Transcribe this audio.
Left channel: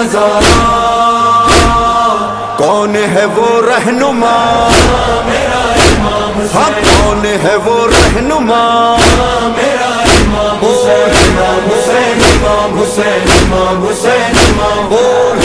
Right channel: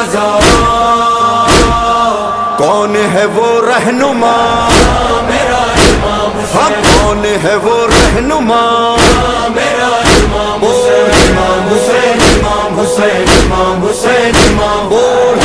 नजारा। कौन है वो रहनुमा मेरा इमाम हुसैन, हाँ कौन है वो रहनुमा मेरा इमाम हुसैन, इमाम हुसैन, इमाम हुसैन, इमाम हुसैन, इमाम बोल